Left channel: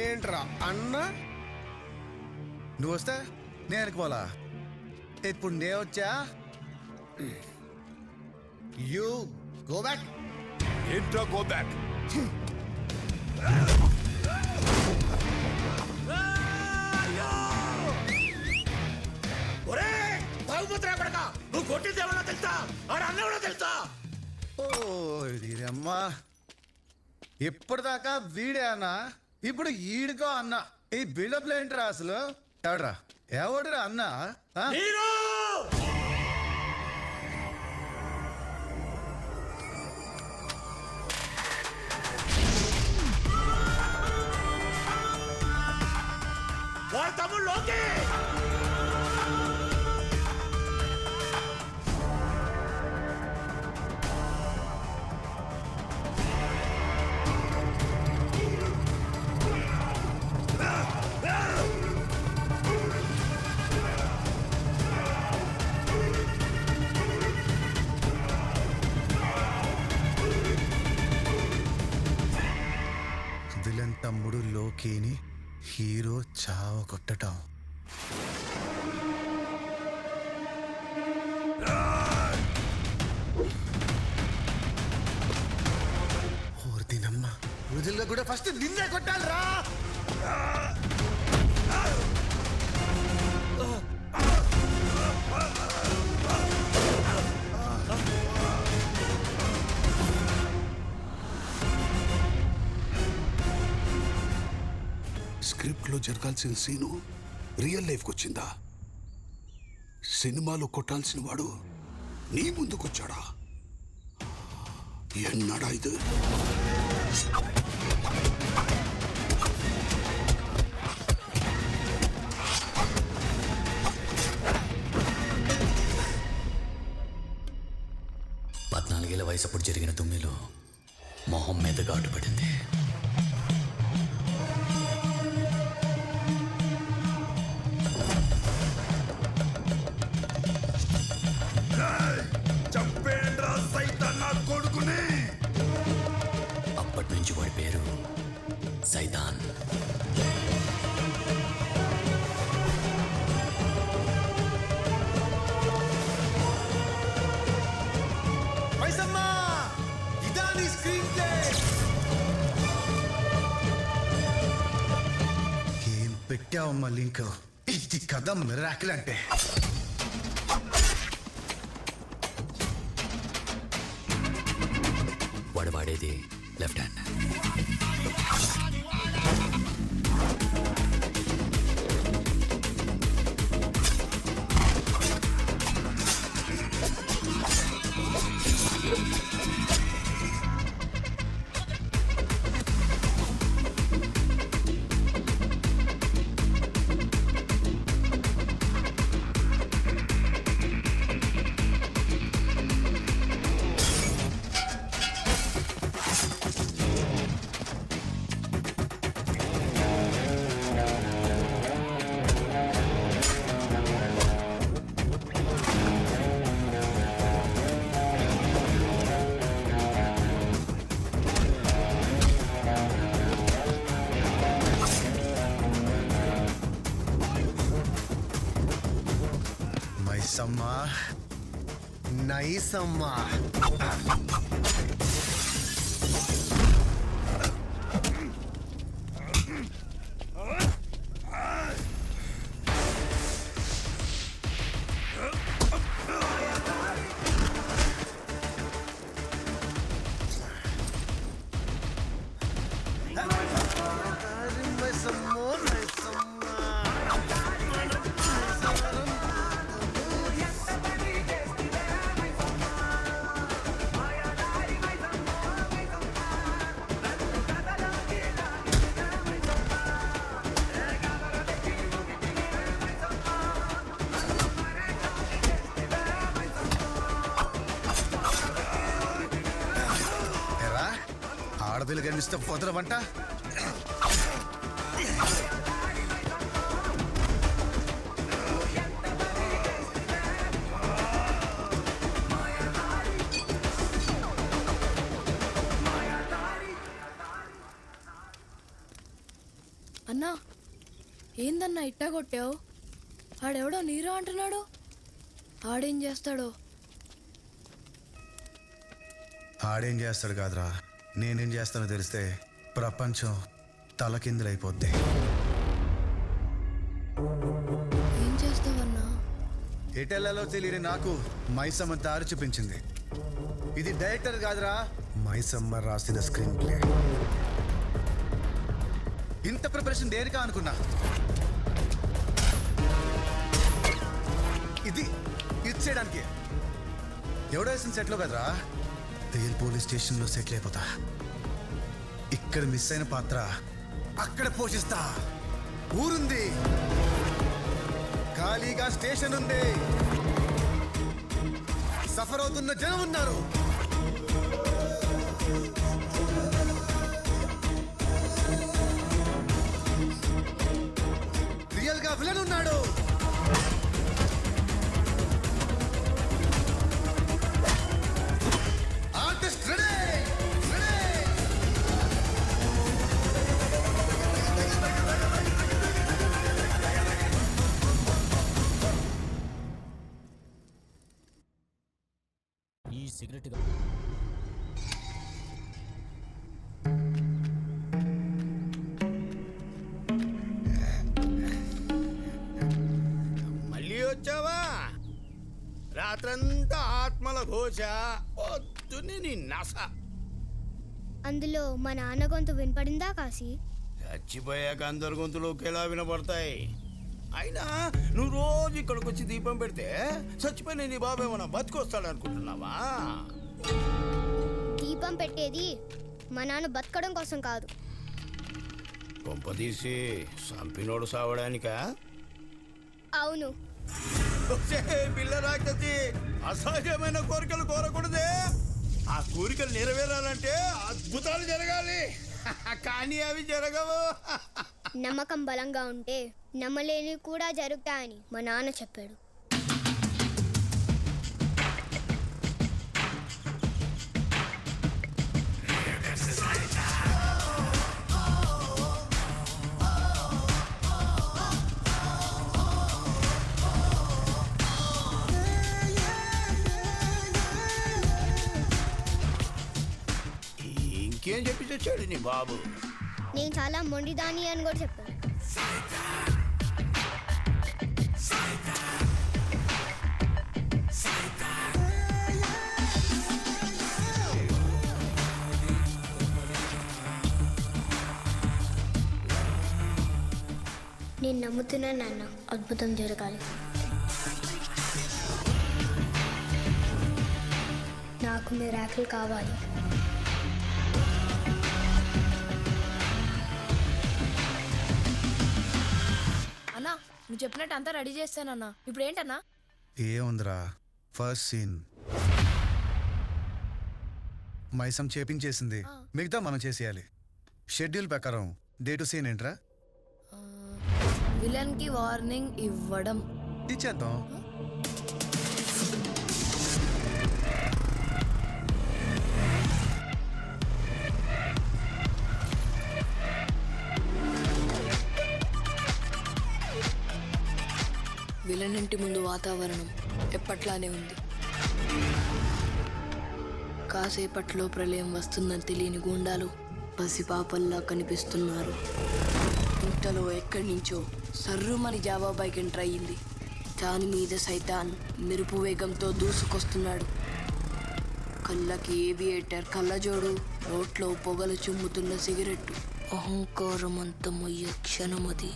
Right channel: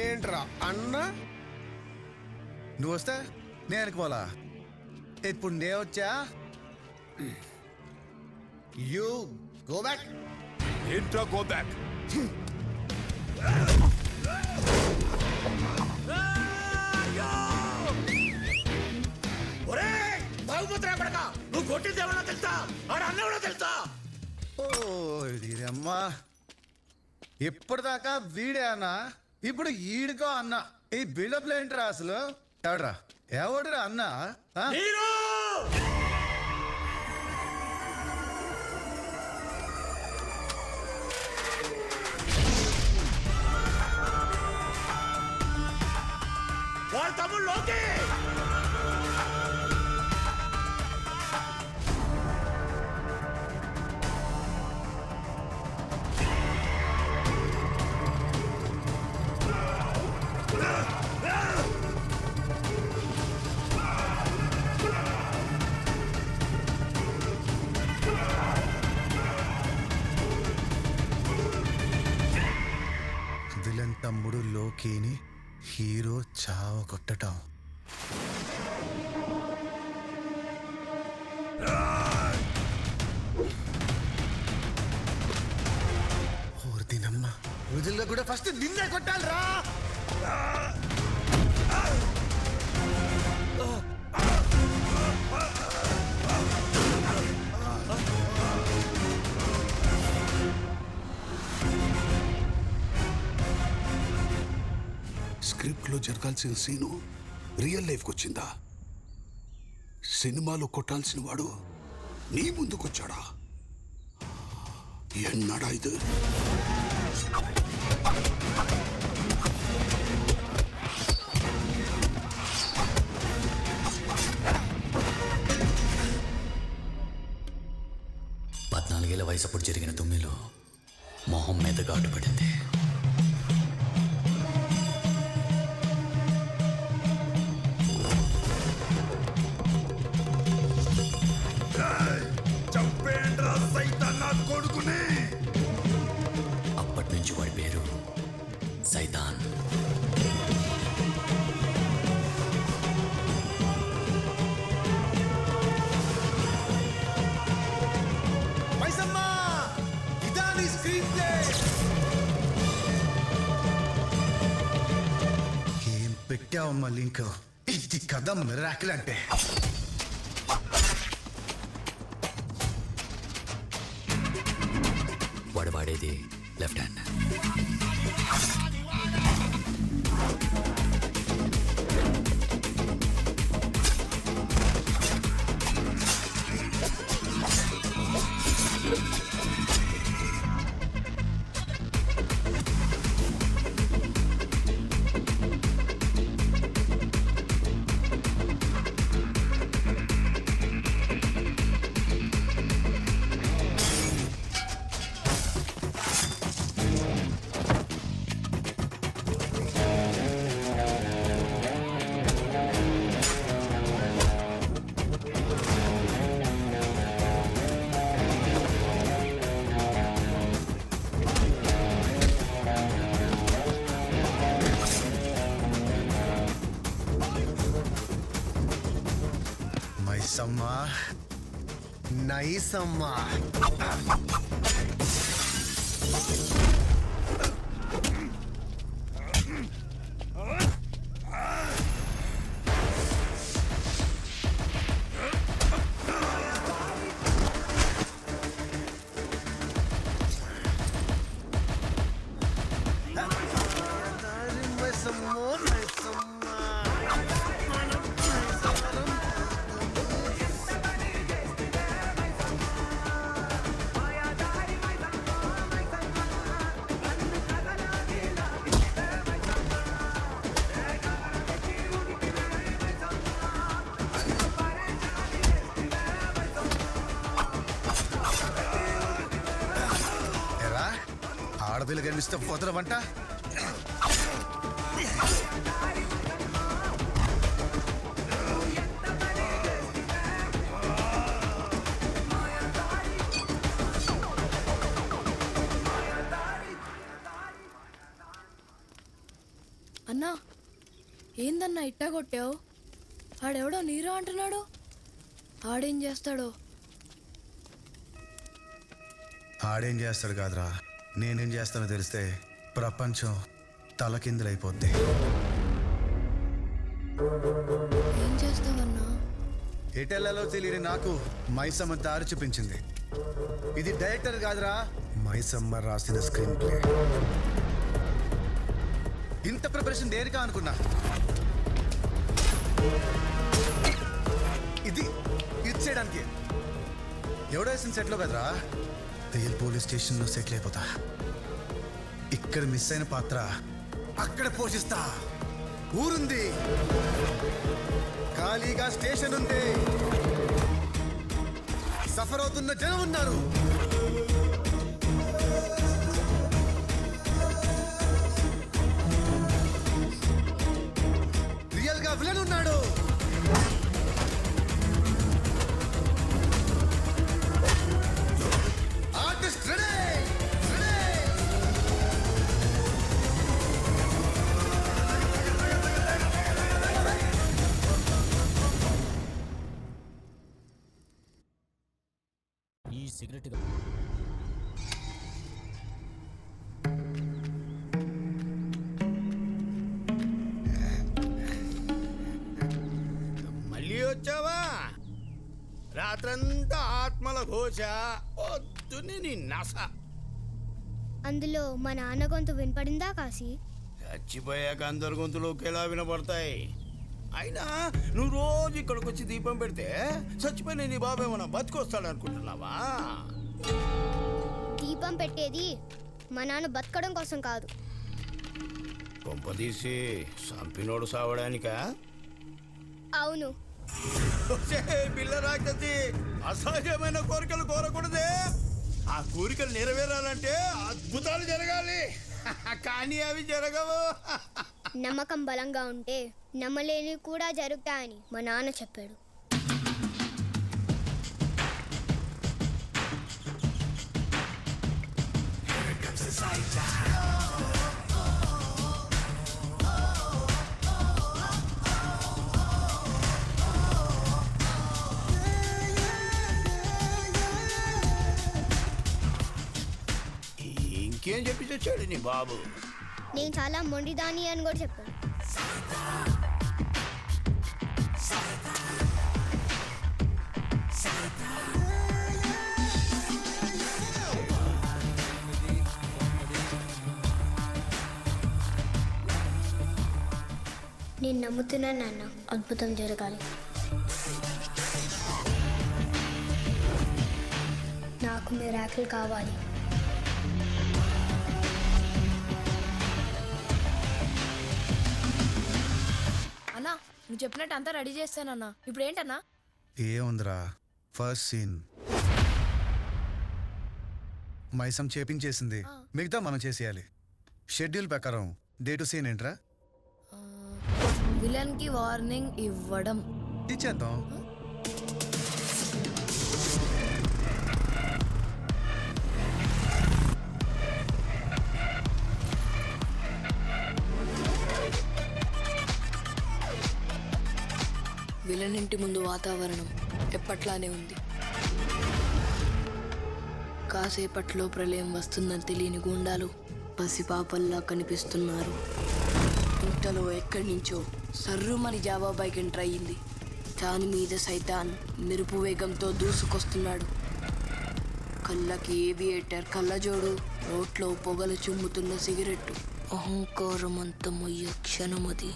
ఏంట్రా అన్న నువ్వు వస్తే నేను అనుకోవాలా ఇప్పుడు నేను వచ్చా యూ గో బ్యాక్ ఏంట్రా గో బ్యాక్ బాగుపోతున్నా కొడక నువ్వు కొట్టింది ఎవరో తెలుసా ఆడ అన్న ఎవరో తెలుసా ఓ అమ్మా ఇప్పటిదాకా వీడే అన్నా ఇప్పుడు ఈడుకో అన్న ఈ బిల్డప్లు ఏంట్రా అసలు ఎవడ్రా ఎవడురా అన్న వాళ్ళ తమ్ముడు లోకే విలన్ తమ్ముడు లోకేని హీరో చావ కొట్టటం ఓర్దినమ్మ రోజుల్లో కూడా ఫస్ట్ నిన్నే కొట్టాలిరా స్క్రిప్ట్ లో జరగాల్సిన సీను రియల్ లైఫ్ వచ్చిందా సినిమాలో కొట్టాల్సిన వాడు నీ ముందుకొచ్చాడా ఎన్నాడా ఇది పద్నాలుగేళ్ల వయసప్పుడు జరిగిన తుమ్మిలో మొహం మీద ఘాటు పడింది చంపేండ్రా సైతాన్ నా కొడుకుని అప్పటి నుంచి వాడి పేరు సైతాన్ మైసమ్మా ఇదా నీ స్క్రీన్ ప్లే ఏం పెట్టావమ్మా లింక్ ఇది కథ మిరాకిల్ అంటే వాడు వాడేది లెఫ్ట్ హ్యాండ్ మైసమ్మా నైసమ్మా ఆడపిల్ల కనిపిస్తే పోతరమంట ఏందన్నా ఇట్టా కొట్టావు? ఆడెవడో నీరు అంటున్నాడు. ఆడేం చేస్తాడో? ఆడేం చేస్తాడు కాదురా, నేనేం చేస్తానో తెలిస్తే ప్రపంచం తలకిందులైపోద్ది. ఏం చేస్తావన్నా? ఎటెల్లలో తెలియని నాకు మైసమ్మ దారి చూపించింది. ఇది డైరెక్టర్ కాదురా, మైసమ్మ రాసిన స్క్రీన్ ప్లే. ఇంత ప్రిపరేషన్ దేనికా అనుకున్నా. ఇది ఇచ్చేయడానికి. ఎవడో వేసిన సెట్లో కదరా, రియల్ పోలీస్ స్టేషన్లో సెటిల్ అయిపోతా. ఇక్కడ మిస్ అయిన పాత్ర అక్కడ పోషిస్తా. ఊరుంది, ఖాళీగా స్టేషన్ ఉంది, సఫర్ అవుతున్న జనం ఉన్నారు. రియల్ గా విలన్ ఉన్నాడు. Artist ready. ఈ సిగరెట్ మళ్ళీ వచ్చావా? రాత్రంతా ఆత్మల ఘోష, పొద్దున్నే నీ నస. అందులో మా నాన్న గొంతు వినపడిందా కాశీ? చచ్చిపోయాక అందరి గొంతులు ఒకేలా వినపడతాయి. అయినా నువ్వు రోజు ఇక్కడికి వచ్చి దీపం పెడితే చచ్చిపోయిన నీ బాబు ఏమన్నా బతికొస్తాడనుకుంటున్నావా? దీపం పెట్టేది మా నాన్న బతకడం కోసం కాదు. కొంపదీసి సంపినోడు సావడానికా? అవును. పిల్ల రాక్షసి, అసహజమైన కోరికలు కోరకూడదే. ఆ కోరికలు నెరవేరాలంటే అద్భుతాలు జరగాలి. కానీ అవి జరగవు. నమ్మకం బలంగా ఉంటే నమ్మలేని కూడా జరుగుతాయని మా నాన్న చెప్పాడు. ఇంకేం చెప్పి తెచ్చాడు నీ బాబు? నేను చాలా మొండిదాని అని కూడా చెప్పాను. నేను నమ్ముతున్నాను నాన్న, అద్భుతం జరగాలి. నాకు మిరాకిల్ కావాలి. అన్నా నువ్వు చెప్పినట్టు అంతా రెడీ చేస్తానన్నా. ఇప్పుడు ఏంటన్నా? ఏముందిరా, ఫస్ట్ సీన్ మైసం చేపించేసింది, మిగతా మనం చేసేయాలి. షెడ్యూల్ ప్రకారం డే టు సీన్ ఏంట్రా? విలన్ కి వార్నింగ్ ఇవ్వడం. ఇచ్చేద్దాం. విలన్ ఇంటి ముందు వాతావరణం ఎప్పట్లానే ఉంది. కాసేపట్లో ప్రళయం వస్తుందని తెలియని గూండాలు పసిపాపల్లా కనిపిస్తున్నారు. ఇంతలో ఎక్కడి నుంచో సర్రుమని జావా బైక్ ఎంటర్ అయ్యింది. దాని మీద సైతాన్ మెరుపు వేగంతో దూసుకొస్తున్నాడు. కళ్ళకి ఏవియేటర్ కళ్ళజోడు, నోట్లో పొగలు చుమ్ముతున్న సిగరెట్టు. అహంకారం అంతమయ్యే క్షణమది.